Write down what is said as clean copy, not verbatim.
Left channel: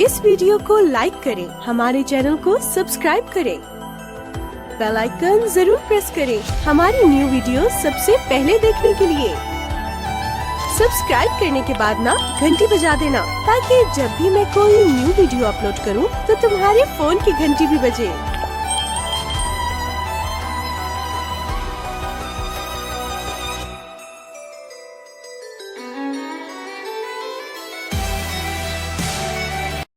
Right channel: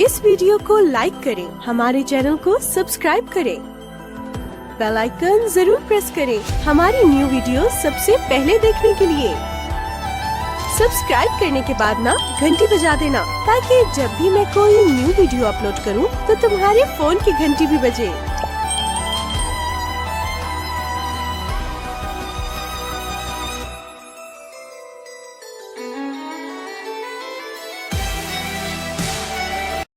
इस वीडियो को लाइक करें, हमारे चैनल को सब्सक्राइब करें, बेल आइकन जरूर प्रेस करें हमारी न्यू वीडियो सबसे पहले देखने के लिए। सब्सक्राइब करने के बाद ना घंटी बजा देना, ताकि जब भी मैं कोई न्यू वीडियो अपलोड करूं तो तुम्हारे फोन की घंटी भी बजे।